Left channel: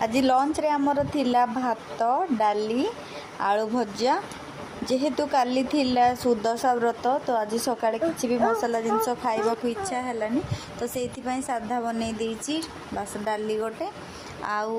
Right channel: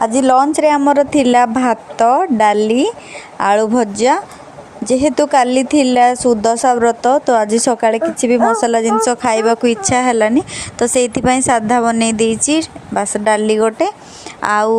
आज लंच रे आमर थिला भात डाली आलू भजा जेहेतु काली थिला सुदशा व्रत तो आज सकाळे किसी भी मसला जिनस खाइबा को इच्छा हेलानी तो सेइथि पई साधा बनै देइछि बस डाली गोटे आउ